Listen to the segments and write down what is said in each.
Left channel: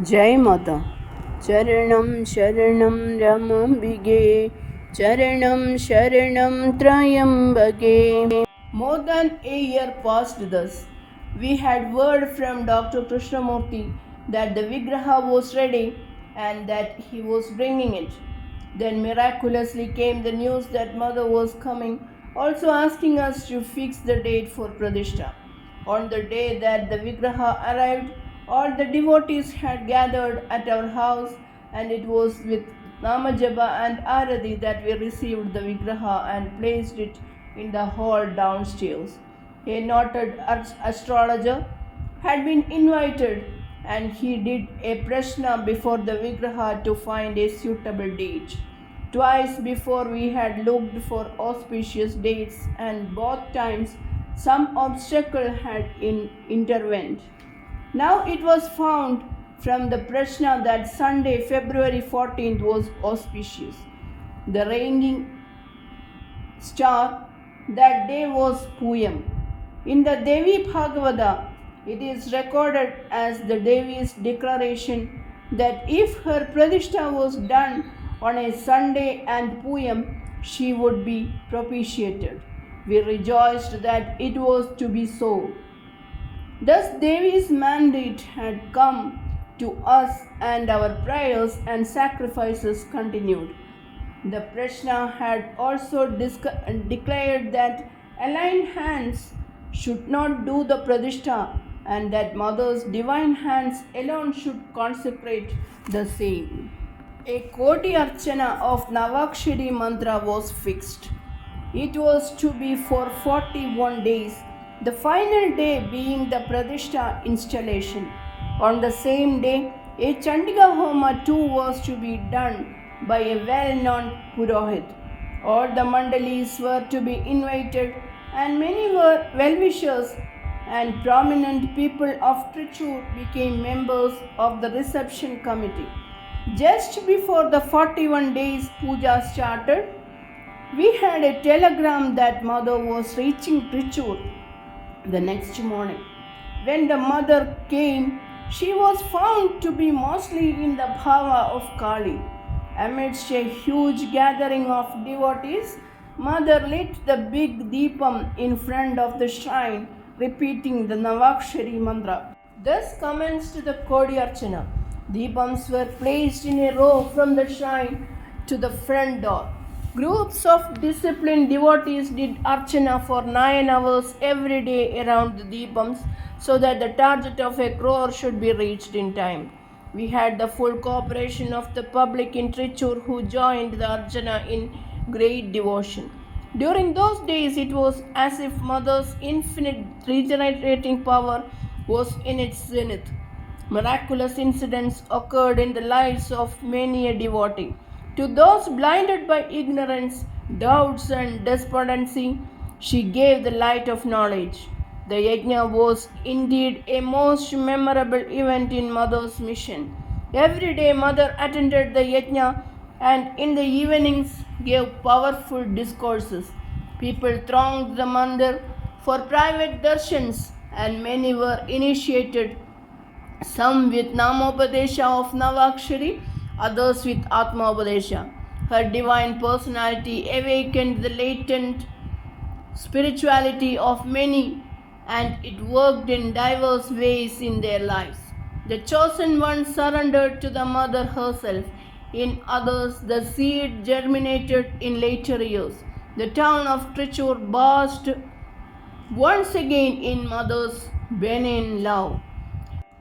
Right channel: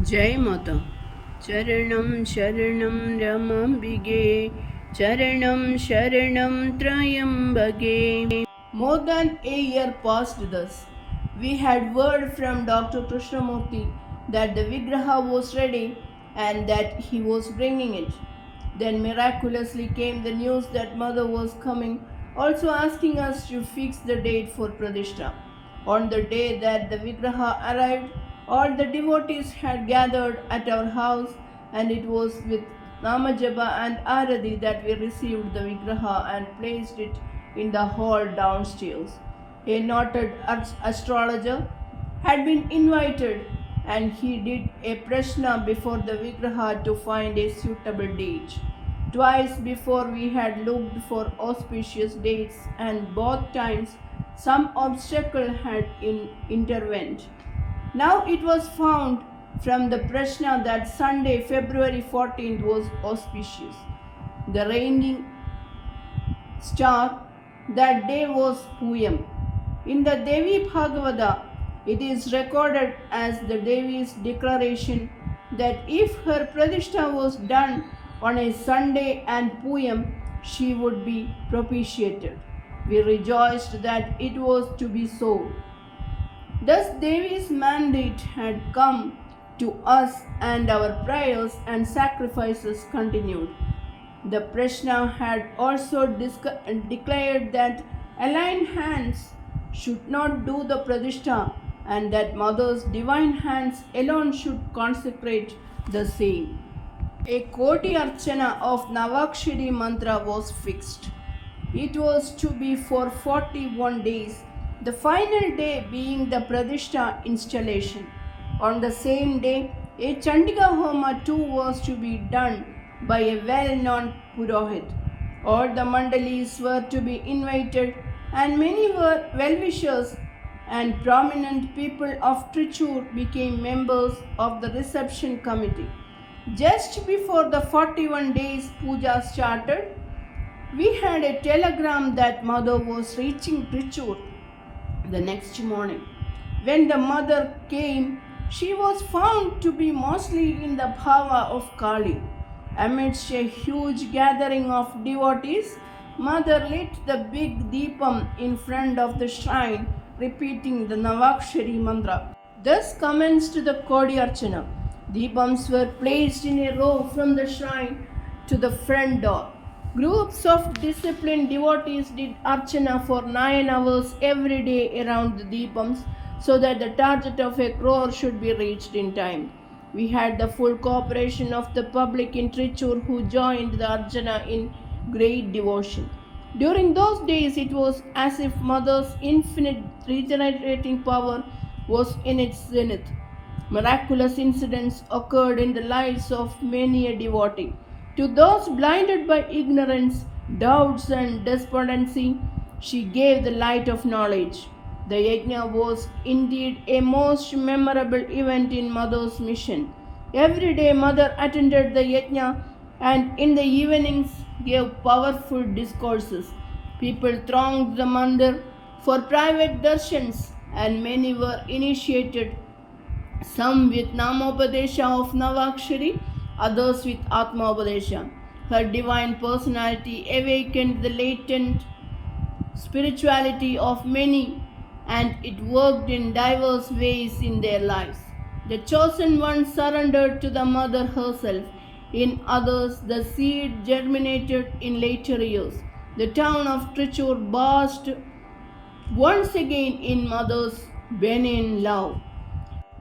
Jai Mata. Charanam Sharanam Ramambige. Charanam Sharanam Trayambage. More than a year passed thus. We had word from Dr. Krishnamurti that the Vigraha was ready and that he was bringing it. Then miraculously came the news that Mother was coming, also asking us to fix the date for Pradishta. On the day that the Vigraha arrived, all the devotees had gathered at our house, and it was with Namajaba and Aradi that we received the Vigraha and placed it in the hall downstairs. A noted astrologer had been invited, and he did a prashna before the Vigraha to find a suitable date. Twice before we had looked for auspicious dates, and both times some obstacle had intervened. Now it was found from the prashna that Sunday, February 14th was auspicious. The reigning star that day was Puyam. In the Devi Bhagavata, it is recorded as the Devi's declaration that if her Pradishta was done on a Sunday and Puyam, she would be propitiated. We rejoiced that it was to be so. Thus Devi's mandate had come to us, and our prayers and sacrifices continued. The Prashna had also declared that aligned hands should not do the Pradishta, and that Mother's divine hands alone should consecrate the same. A Koti Archana of Navakshari mantra was fixed. It was to be for 41 days, the final day being the Pradishta installation. On the same day, a Chandika Homa too was to be done by a well-known Purohit. All the Mandalis were to be invited, and many were well-wishers and prominent people of Trichur became members of the reception committee. Just before the 41 days puja started, we had a telegram that Mother was reaching Trichur the next morning. When the Mother came, she was found to be mostly in the bhava of Kali. Amidst a huge gathering of devotees, Mother lit the big deepam in front of the shrine, repeating the Navakshari mantra. Thus commenced the Kodi Archana. Deepams were placed in a row from the shrine to the front door. Groups of disciplined devotees did Archana for 9 hours every day around the Deepams so that the target of a crore should be reached in time. We had the full cooperation of the public in Trichur who joined the Archana in great devotion. During those days, it was as if Mother's infinite regenerating power was in its zenith. Miraculous incidents occurred in the lives of many a devotee. To those blinded by ignorance, doubts, and despondency, she gave the light of knowledge. The yajna was indeed a most memorable event in Mother's mission. Every day, Mother attended the yajna and in the evenings gave powerful discourses. People thronged the mandir for private darshans, and many were initiated, some with Namopadesha of Navakshari, others with Atmapadesha. Her divine personality awakened the latent spirituality of many, and it worked in diverse ways in their lives. The chosen ones surrendered to the Mother herself. In others, the seed germinated in later years. The town of Trichur basked once again in Mother's benign love.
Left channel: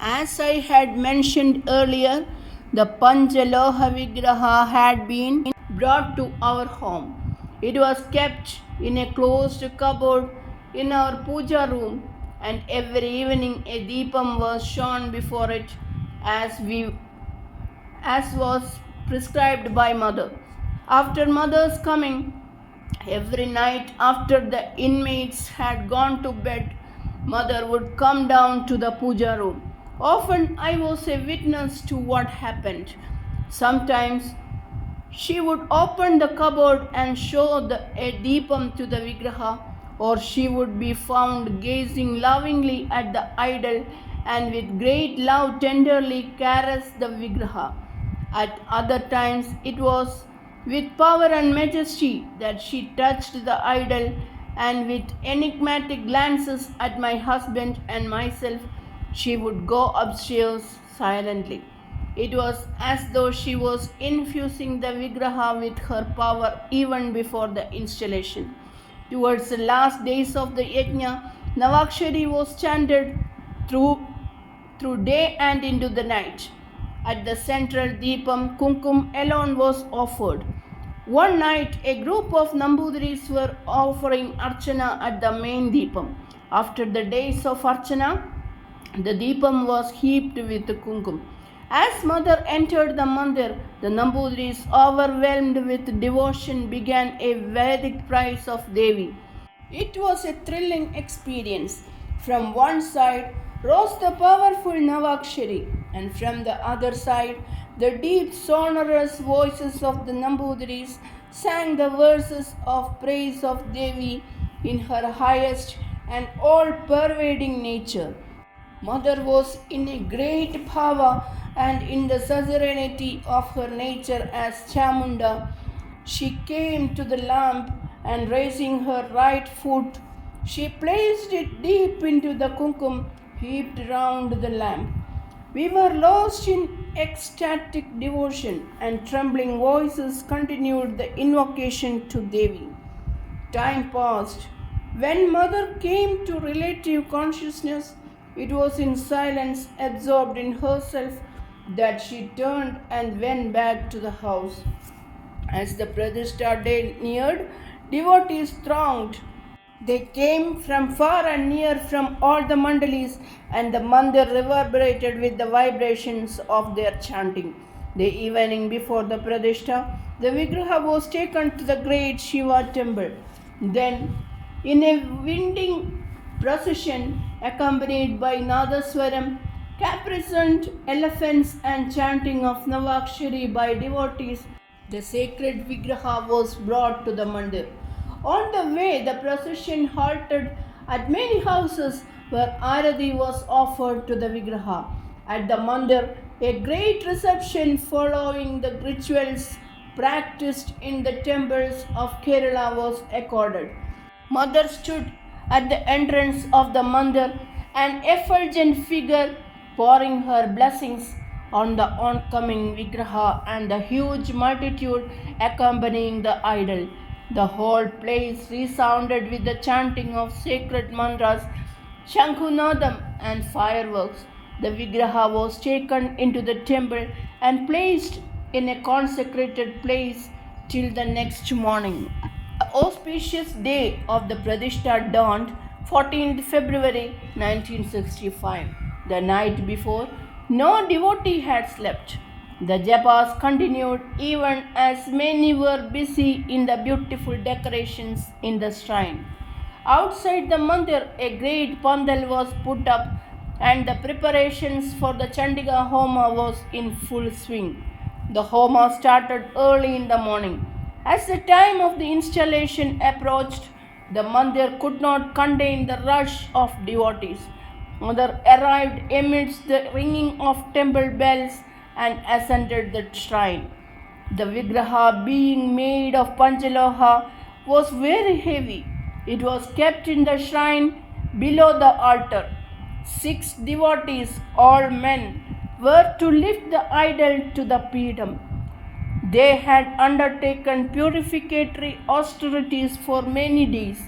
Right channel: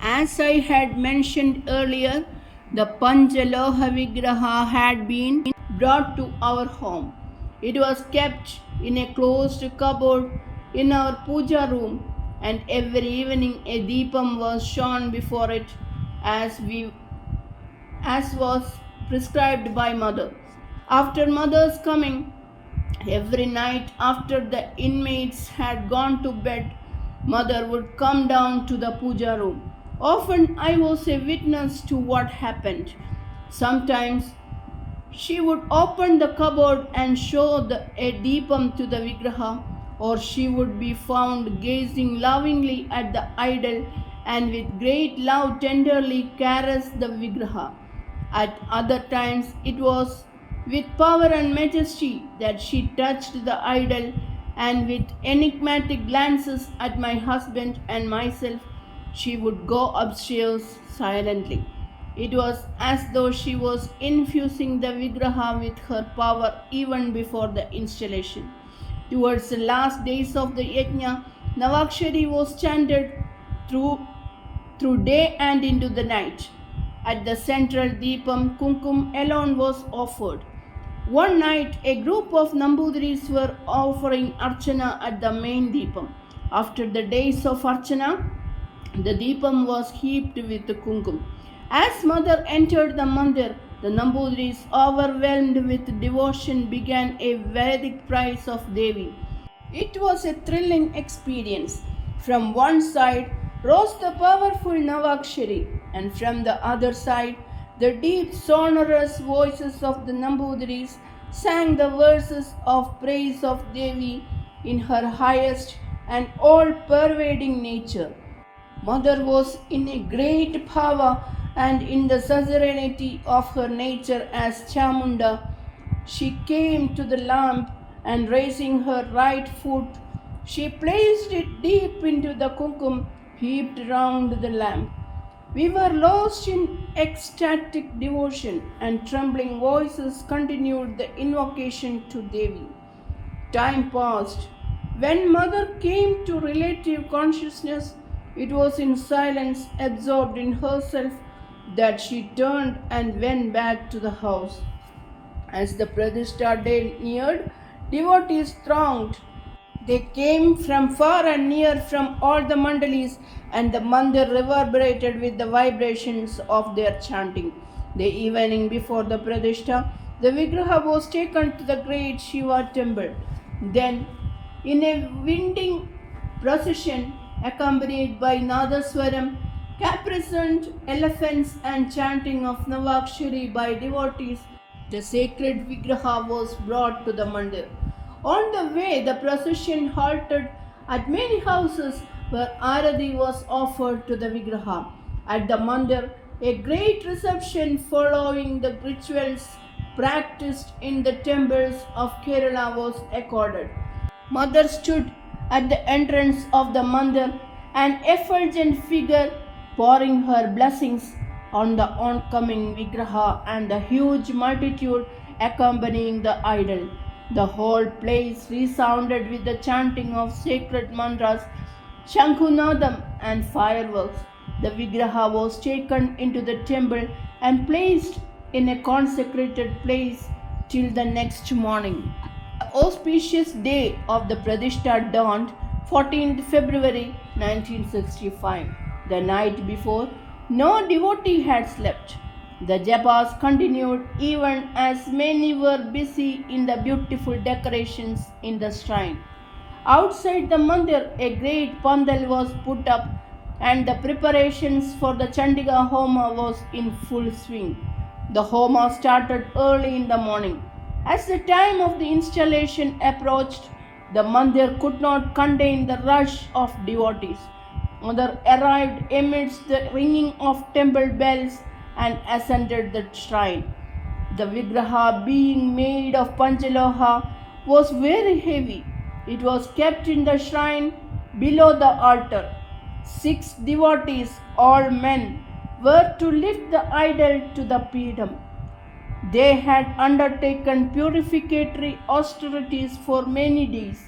As I had mentioned earlier, the Panchaloha Vigraha had been brought to our home. It was kept in a closed cupboard in our puja room, and every evening a deepam was shone before it as was prescribed by Mother. After Mother's coming, every night after the inmates had gone to bed, Mother would come down to the puja room. Often I was a witness to what happened. Sometimes she would open the cupboard and show a deepam to the Vigraha, or she would be found gazing lovingly at the idol and with great love tenderly caressed the Vigraha. At other times it was with power and majesty that she touched the idol, and with enigmatic glances at my husband and myself she would go upstairs silently. It was as though she was infusing the Vigraha with her power even before the installation. Towards the last days of the yajna, Navakshari was chanted through day and into the night. At the central Deepam, Kumkum alone was offered. One night, a group of Nambudiris were offering Archana at the main Deepam. After the days of Archana, the Deepam was heaped with Kumkum. As mother entered the mandir, the Nambudiris, overwhelmed with devotion, began a Vedic praise of Devi. It was a thrilling experience. From one side rose the powerful Navakshari, and from the other side, the deep, sonorous voices of the Nambudiris sang the verses of praise of Devi in her highest and all-pervading nature. Mother was in a great power, and in the suzerainty of her nature as Chamunda, she came to the lamp, and raising her right foot, she placed it deep into the kumkum heaped round the lamp. We were lost in ecstatic devotion, and trembling voices continued the invocation to Devi. Time passed. When mother came to relative consciousness, it was in silence, absorbed in herself, that she turned and went back to the house. As the Pradishta day neared, devotees thronged. They came from far and near from all the mandalis, and the mandir reverberated with the vibrations of their chanting. The evening before the Pradishta, the Vigraha was taken to the great Shiva temple. Then, in a winding procession accompanied by Nadaswaram, caparisoned elephants, and chanting of Navakshari by devotees, the sacred Vigraha was brought to the mandir. On the way, the procession halted at many houses where Arati was offered to the Vigraha. At the mandir, a great reception following the rituals practiced in the temples of Kerala was accorded. Mother stood at the entrance of the mandir, an effulgent figure pouring her blessings on the oncoming Vigraha and the huge multitude accompanying the idol. The whole place resounded with the chanting of sacred mantras, Shankhunadam, and fireworks. The Vigraha was taken into the temple and placed in a consecrated place till the next morning. The auspicious day of the Pradishta dawned 14th February 1965. The night before, no devotee had slept. The japas continued even as many were busy in the beautiful decorations in the shrine. Outside the mandir, a great pandal was put up, and the preparations for the Chandika Homa was in full swing. The Homa started early in the morning. As the time of the installation approached, the mandir could not contain the rush of devotees. Mother arrived amidst the ringing of temple bells and ascended the shrine. The Vigraha, being made of Panchaloha, was very heavy. It was kept in the shrine below the altar. 6 devotees, all men, were to lift the idol to the Peedam. They had undertaken purificatory austerities for many days.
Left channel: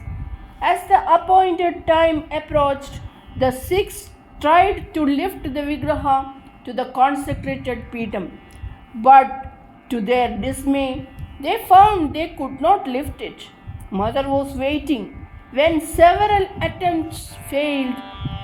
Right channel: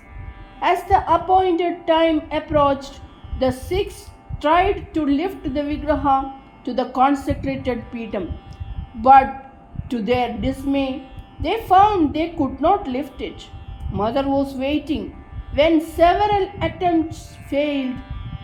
As the appointed time approached, the 6 tried to lift the Vigraha to the consecrated Peedam, but to their dismay, they found they could not lift it. Mother was waiting. When several attempts failed,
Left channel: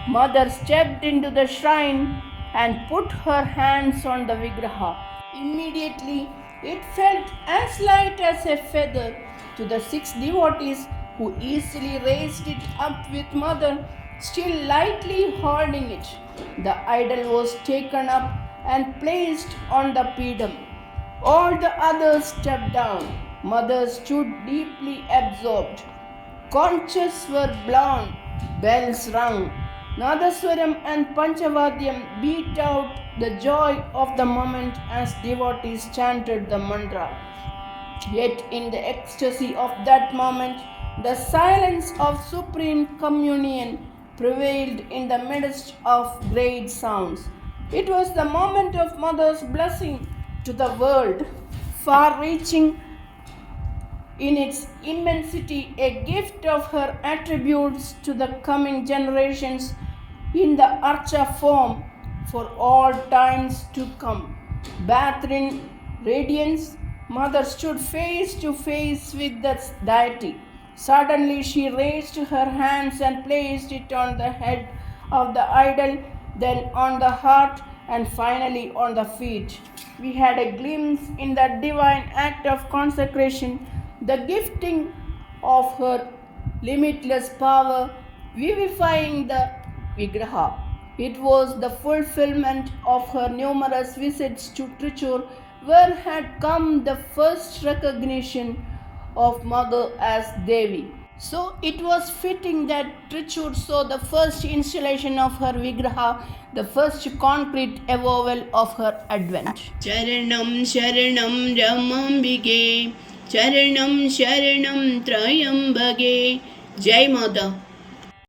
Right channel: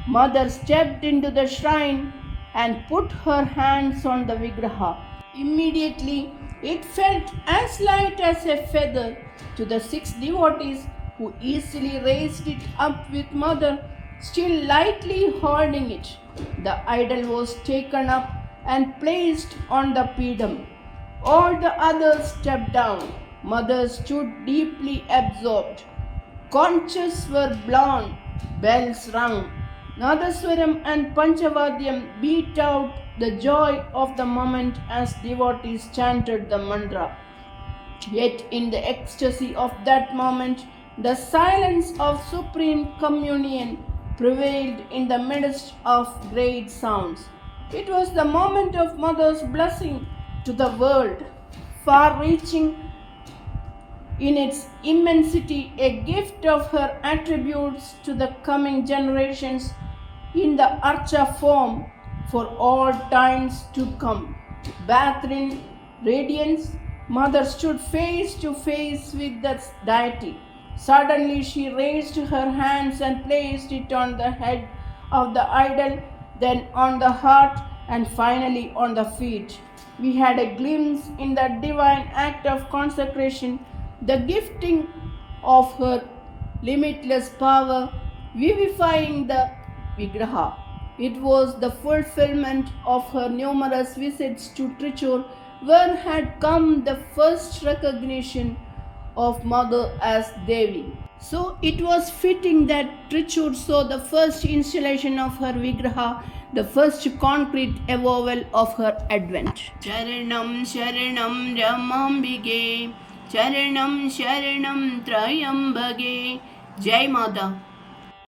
Mother stepped into the shrine and put her hands on the Vigraha. Immediately, it felt as light as a feather to the 6 devotees, who easily raised it up with Mother still lightly holding it. The idol was taken up and placed on the Peedam. All the others stepped down. Mother stood deeply absorbed. Conches were blown, bells rung, Nadaswaram and Panchavadyam beat out the joy of the moment as devotees chanted the mantra. Yet, in the ecstasy of that moment, the silence of supreme communion prevailed in the midst of great sounds. It was the moment of Mother's blessing to the world, far reaching in its immensity, a gift of her attributes to the coming generations in the Archa form for all times to come. Bathed in radiance, Mother stood face to face with the deity. Suddenly she raised her hands and placed it on the head of the idol, then on the heart, and finally on the feet. We had a glimpse in that divine act of consecration, the gifting of her limitless power, vivifying the Vigraha. It was the fulfillment of her numerous visits to Trichur, where had come the first recognition of Mother as Devi. So it was fitting that Trichur saw the first installation of her Vigraha, the first concrete avowal of her advent. Charanam Sharanam Ramambige, Charanam Sharanam Trayambage. Jai Mother.